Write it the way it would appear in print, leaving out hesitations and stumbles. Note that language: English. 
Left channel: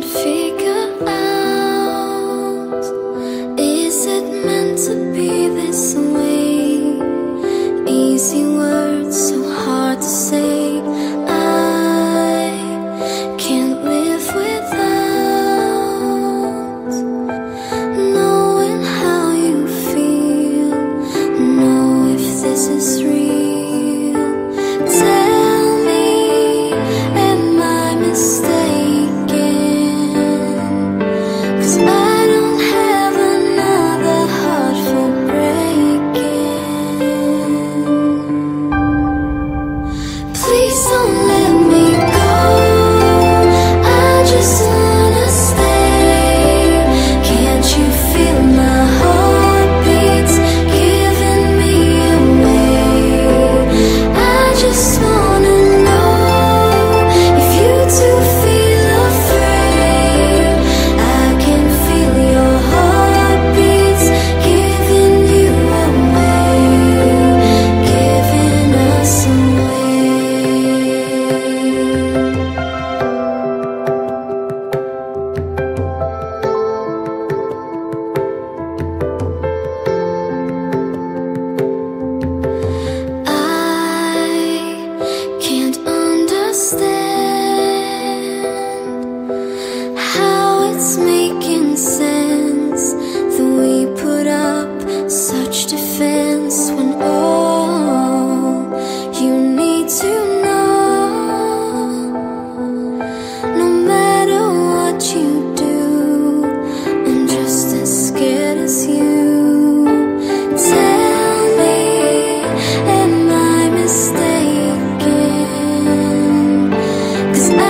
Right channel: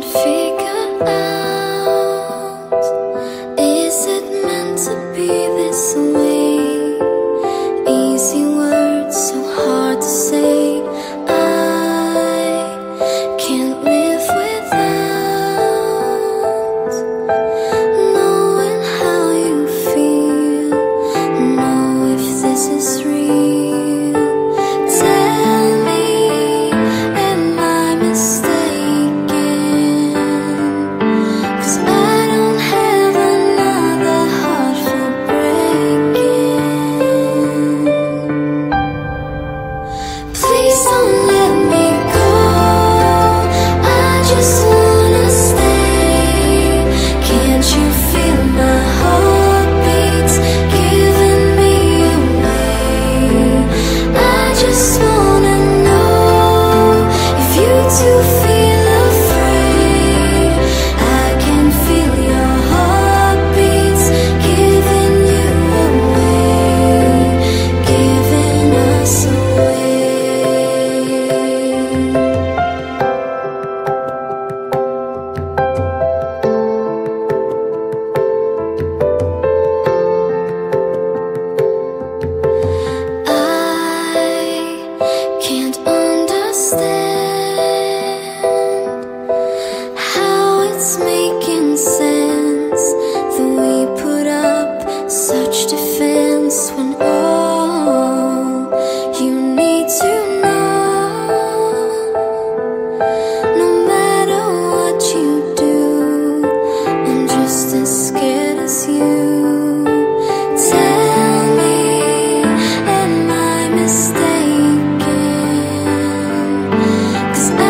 can't figure out, is it meant to be this way? Easy words, so hard to say. I can't live without knowing how you feel, know if this is real. Tell me, am I mistaken? 'Cause I don't have another heart for breaking. Please don't let me go, I just wanna stay. Can't you feel my heartbeats giving me away? I just wanna know if you too feel afraid. I can feel your heartbeats giving you away, giving us away. I can't understand how it's making sense that we put up such defense when all you need to know, no matter what you do, I'm just as scared as you. Tell me, am I mistaken? 'Cause I